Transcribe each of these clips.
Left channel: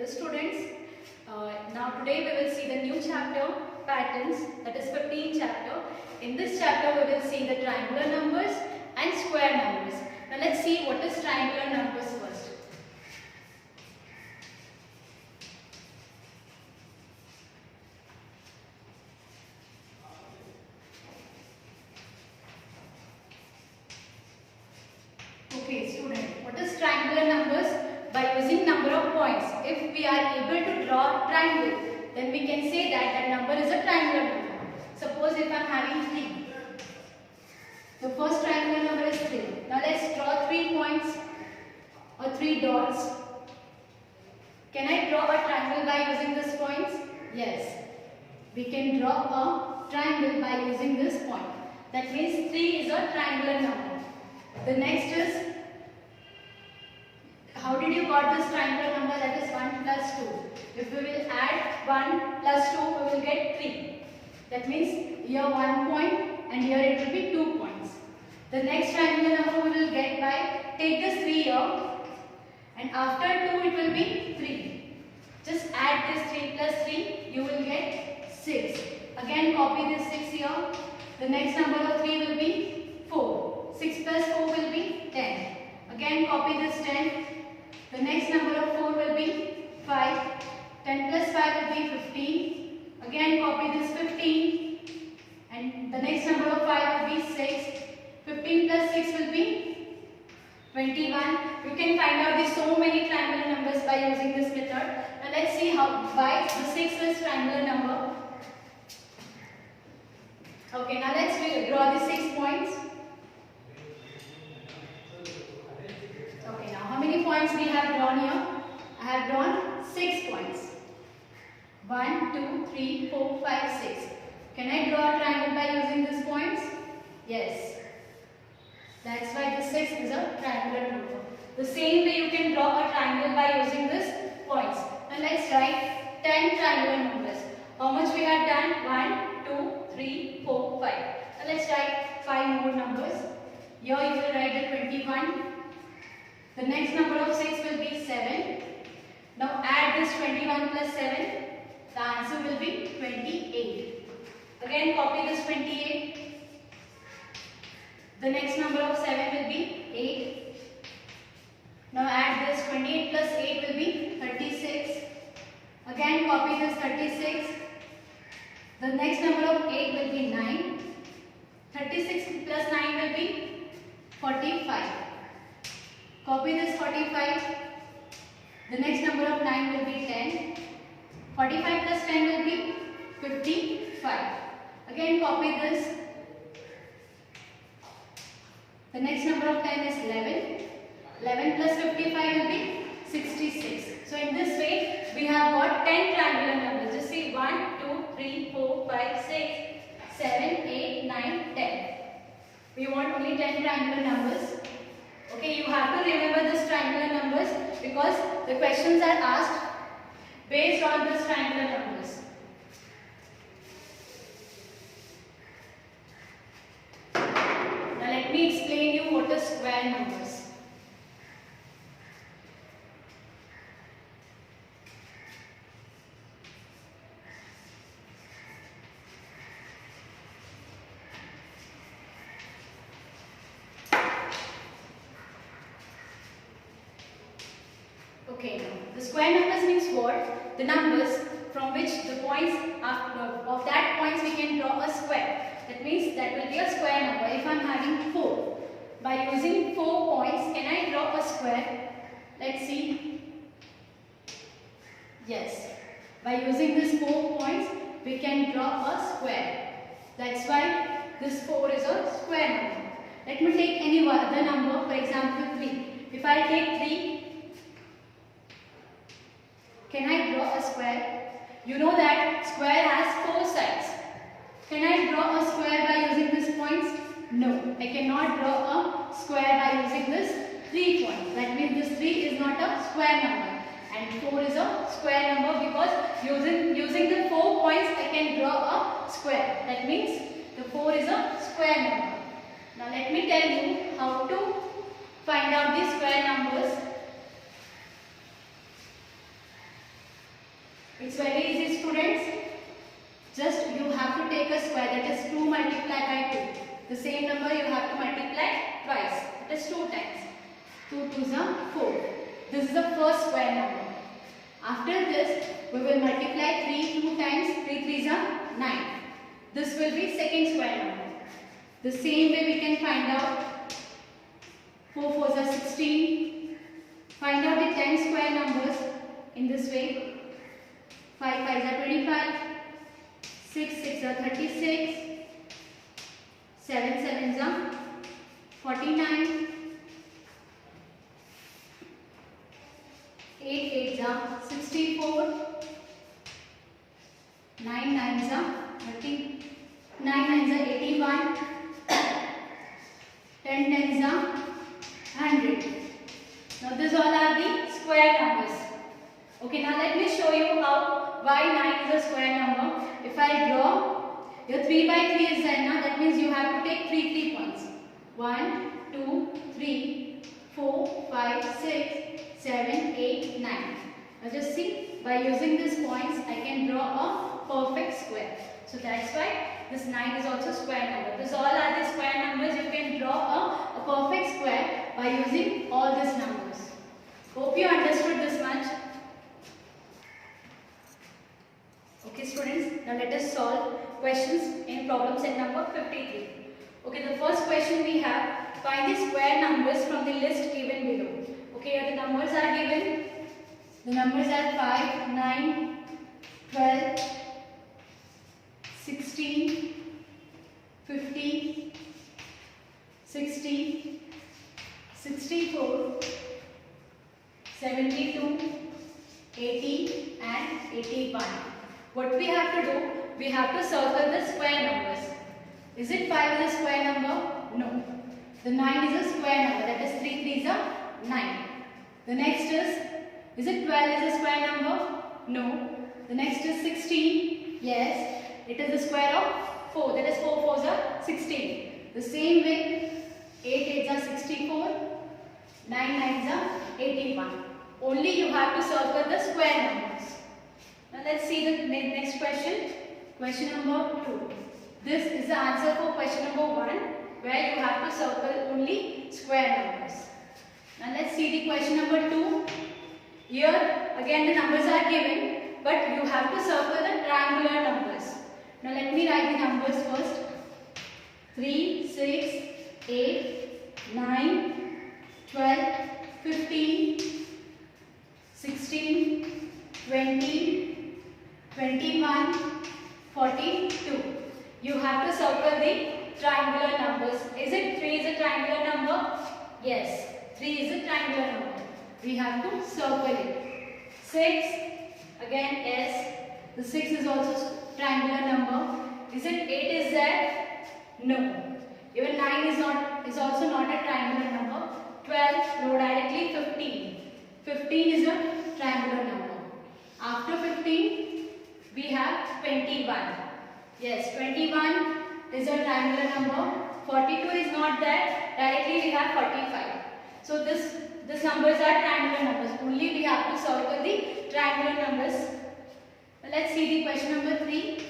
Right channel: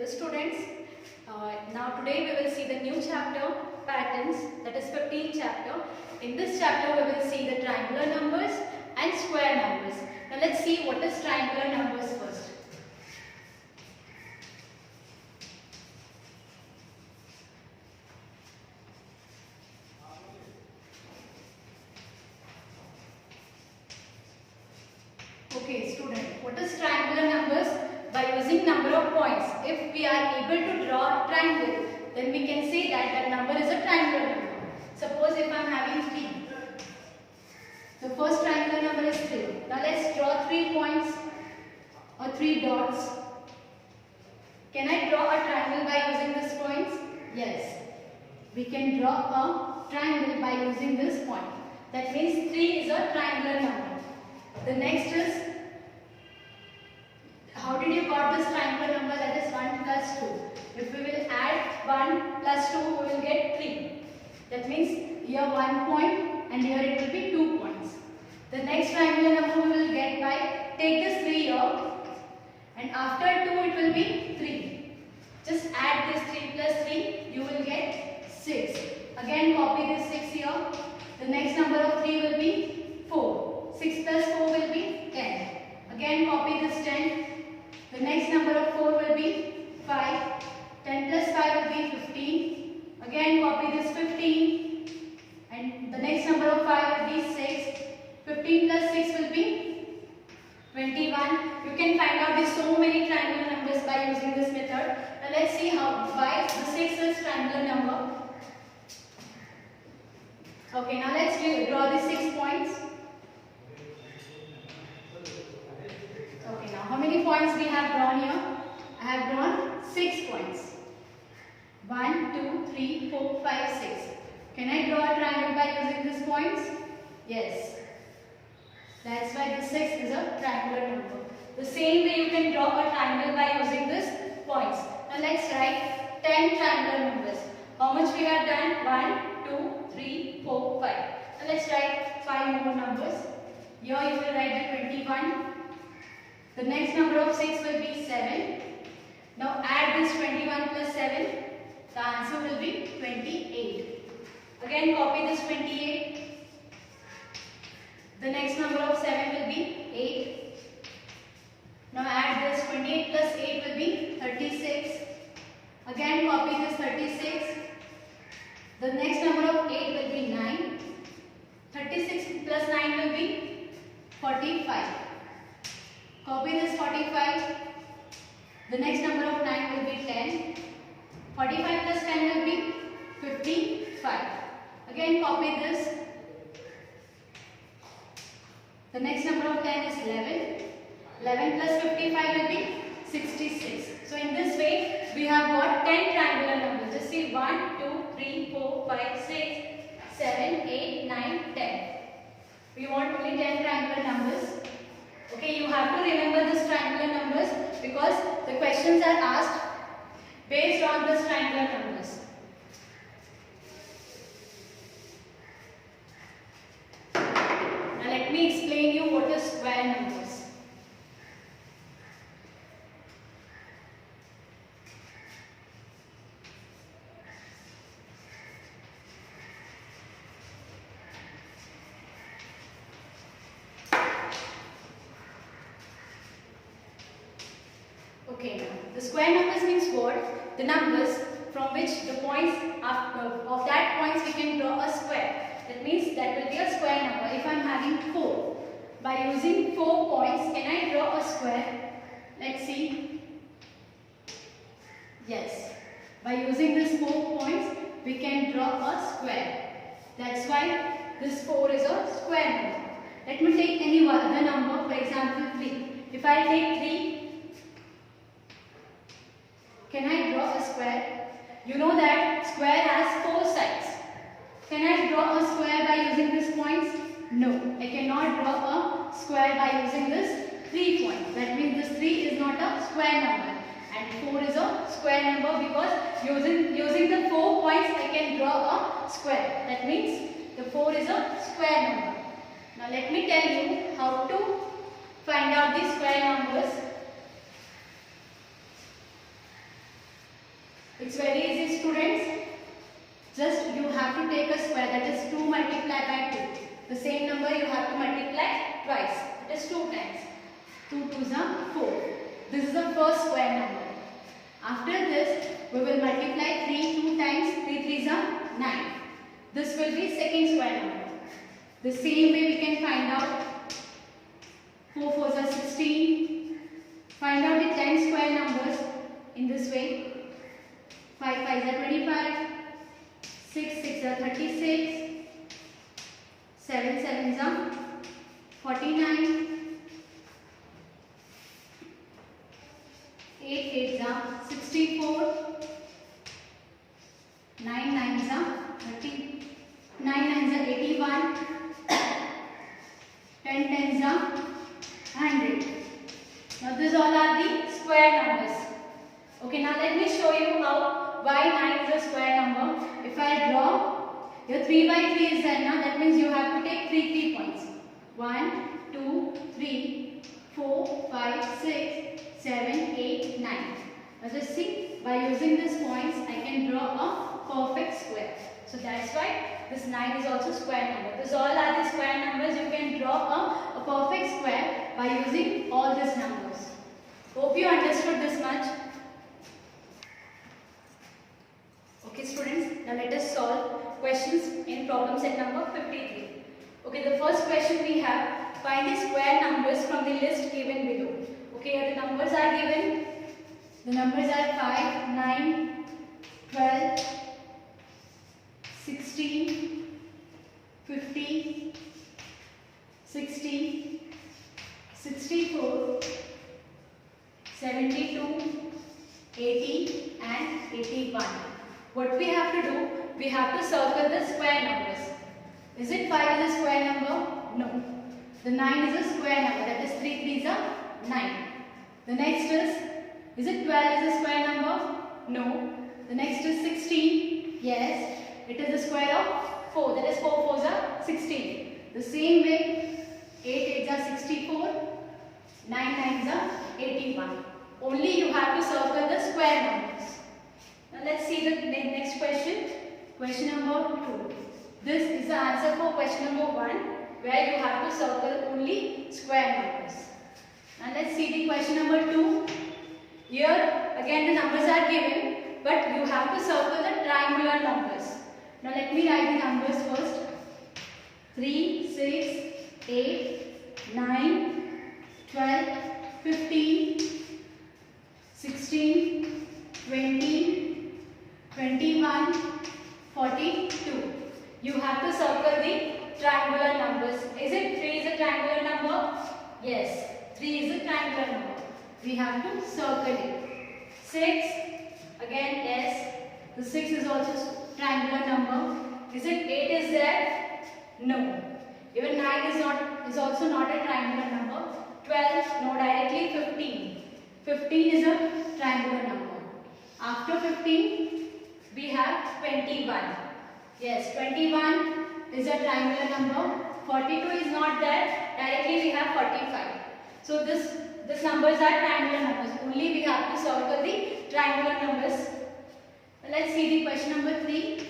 Hello students, now today we will see the new chapter patterns, that is 15th chapter. In this chapter we will see the triangular numbers and square numbers. Now let's see what is triangular numbers first. Okay student, what is triangular numbers? By using number of points. If we are able to draw a triangle, then we can say that that number is a triangular number. Suppose if I am having 3. The first triangular number is 3. Now let's draw 3 points or 3 dots. Can I draw a triangle by using these points? Yes. We can draw a triangle by using this point. That means 3 is a triangular number. The next is, how did you got this triangular number, that is 1 plus 2. If we will add 1 plus 2, we will get 3. That means here 1 point and here it will be 2 points. The next triangular number we will get by, take this 3 here and after 2 it will be 3. Just add this 3 plus 3, you will get 6. Again copy this 6 here. The next number of 3 will be 4. 6 plus 4 will be 10. Again copy this 10. The next number of 4 will be 5. 10 plus 5 will be 15. Again copy this 15. And the next number of 5 will be 6. 15 plus 6 will be 21. You can find out these so many triangular numbers by using this method. Now let's see why the 6 is triangular number. Okay, now let's draw the 6 points. How many points we have drawn here? I have drawn 6 points. 1, 2, 3, 4, 5, 6. Can I draw a triangle by using these points? Yes. That's why the 6 is a triangular number. The same way you can draw a triangle by using these points. Now let's write 10 triangular numbers. How much we have done? 1, 2, 3, 4, 5. Now let's write 5 more numbers. Here you will write the 21. The next number of 6 will be 7. Now add this 21 plus 7. The answer will be 28. Again copy this 28. The next number of 7 will be 8. Now add this 28 plus 8 will be 36. Again copy this 36. The next number of 8 will be 9. 36 plus 9 will be 45. Copy this 45. The next number of 9 will be 10. 45 plus 10 will be 55. Again copy this. The next number of 10 is 11. 11 plus 55 will be 66. So in this way we have got 10 triangular numbers. Just see 1, 2, 3, 4, 5, 6, 7, 8, 9, 10. We want only 10 triangular numbers. Okay, you have to remember these triangular numbers because the questions are asked based on these triangular numbers. Now let me explain you what is square numbers. Okay, now the square numbers means what? The numbers from which the points of that points we can draw a square. That means that will be a square number. If I am having 4, by using 4 points, can I draw a square? Let's see. Yes. By using these 4 points, we can draw a square. That's why this 4 is a square number. Let me take any other number, for example 3. If I take 3, can I draw a square? You know that square has 4 sides. Can I draw a square by using these points? No, I cannot draw a square by using this 3 points. That means this 3 is not a square number and 4 is a square number because using the 4 points I can draw a square. That means the 4 is a square number. Now let me tell you how to find out the square numbers. It's very easy, students. Just you have to take a square, that is 2 multiplied by 2. The same number you have to multiply twice. That is 2 times. 2 2s are 4. This is the first square number. After this, we will multiply 3 2 times. 3 3s are 9. This will be second square number. The same way we can find out 4 4s are 16. Find out the 10 square numbers in this way. 5 5s are 25. 6 6 are 36. 7 7s are 49. 8 8s are 64. 9 9s are 30. 9 9s are 81. 10 10s are 100. Now these all are the square numbers. Okay, now let me show you how why 9 is a square number. If I draw, your 3 by 3 is there now, that means you have to take 3 points. 1, 2, 3, 4, 5, 6, 7, 8, 9. Now just see, by using these points, I can draw a perfect square. So that's why this 9 is also square number. These all are the square numbers. You can draw a perfect square by using all these numbers. Hope you understood this much. Okay students, now let us solve questions in problem set number 53. Okay, the first question we have, find the square numbers from the list given below. Okay, the numbers are given. The numbers are 5, 9, 12, 16, 50, 60, 64, 72, 80 and 81. What we have to do, we have to circle the square numbers. Is it 5 is a square number? No. The 9 is a square number, that is 3 3s are 9. The next is it 12 is a square number? No. The next is 16. Yes. It is the square of 4, that is 4 4s are 16. The same way, 8 8s are 64, 9 9s are 81. Only you have to circle the square numbers. Now let's see the next question. Question number 2. This is the answer for question number 1, where you have to circle only square numbers. Now let's see the question number 2. Here again the numbers are given, but you have to circle the triangular numbers. Now let me write the numbers first. 3, 6, 8, 9, 12, 15, 16, 20, 21, 42. You have to circle the triangular numbers. Is it 3 is a triangular number? Yes, 3 is a triangular number. We have to circle it. 6, again yes, the 6 is also triangular number. Is it 8 is there? No. Even 9 is also not a triangular number. 12, no, directly 15. 15 is a triangular number. After 15, we have 21. Yes, 21 is a triangular number. 42 is not there. Directly we have 45. So these numbers are triangular numbers. Only we have to circle the triangular numbers. Let's see the question number 3.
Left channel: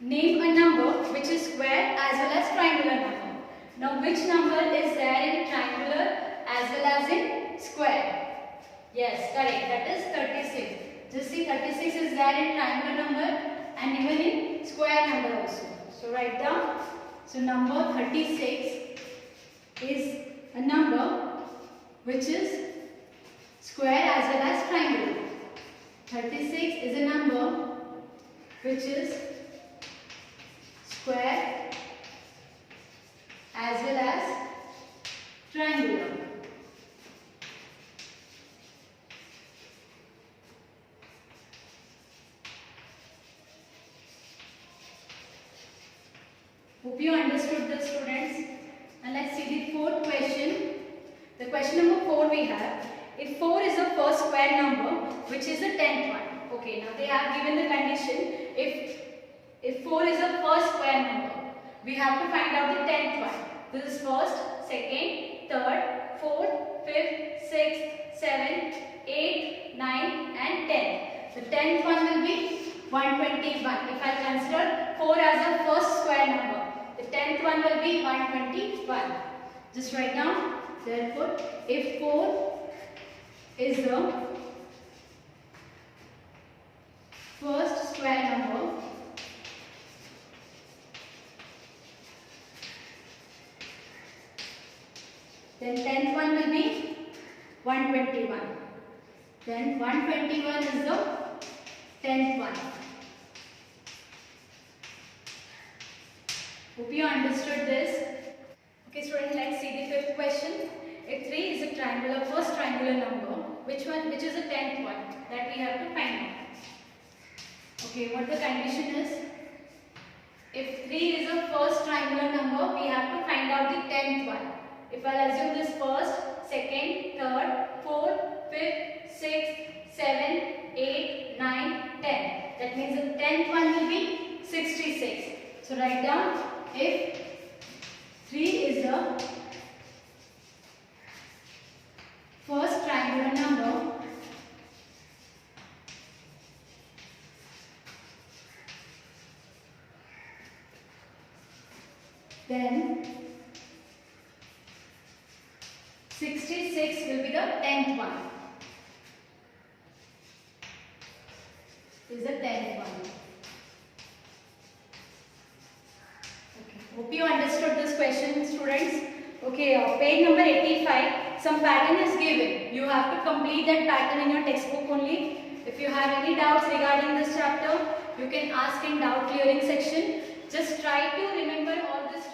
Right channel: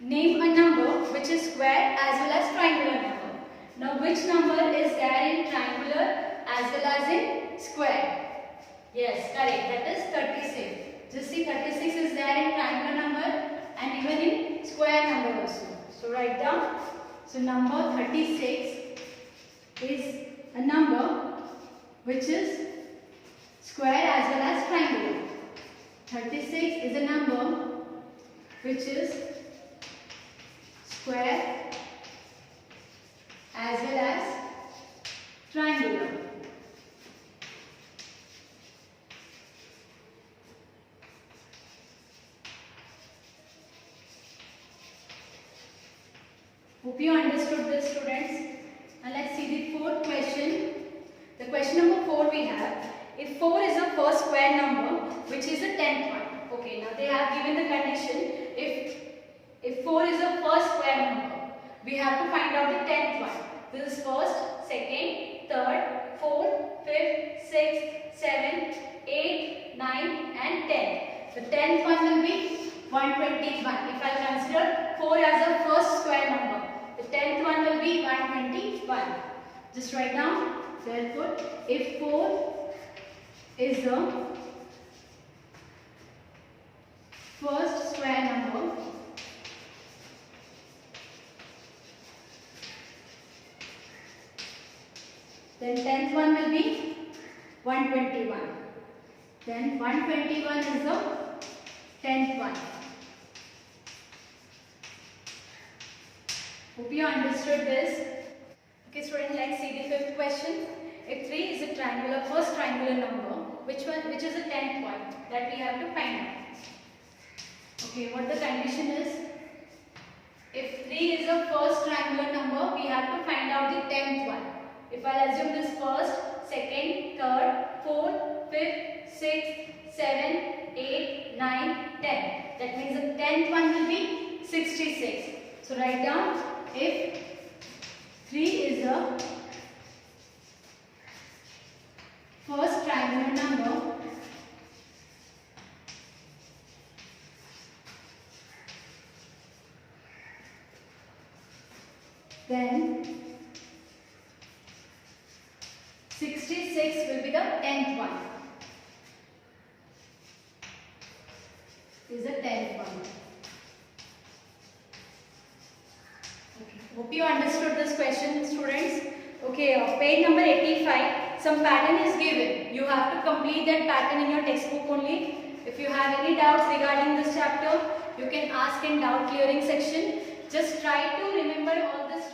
Name a number which is square as well as triangular number. Now which number is there in triangular as well as in square? Yes, correct. That is 36. Just see, 36 is there in triangular number and even in square number also. So write down. So number 36 is a number which is square as well as triangular. 36 is a number which is square as well as triangular. Hope you understood this, students. And let's see the fourth question. The question number 4 we have. If 4 is the first square number, which is the 10th one. Okay, now they have given the condition. If 4 is the first square number, we have to find out the 10th one. This is first, second, third, fourth, fifth, sixth, 7, 8, 9 and 10. 10th one will be 121. If I consider 4 as a first square number, the 10th one will be 121. Just write down. Therefore, if 4 is the first square number, then 10th one will be 121. Then 121 is the 10th one. Hope you understood this. Okay students, let's see the fifth question. If 3 is a triangular, first triangular number, which is the 10th one that we have to find out. Okay, what the condition is? If 3 is a first triangular number, we have to find out the 10th one. If I assume this first, second, third, fourth, fifth, sixth, 7, 8, 9, 10. That means the 10th one will be 66. So write down, if 3 is the first triangular number, then 66 will be the 10th one. Is the 10th one. Okay. Hope you understood this question, students. Okay, page number 85. Some pattern is given. You have to complete that pattern in your textbook only. If you have any doubts regarding this chapter, you can ask in doubt clearing section. Just try to remember all this.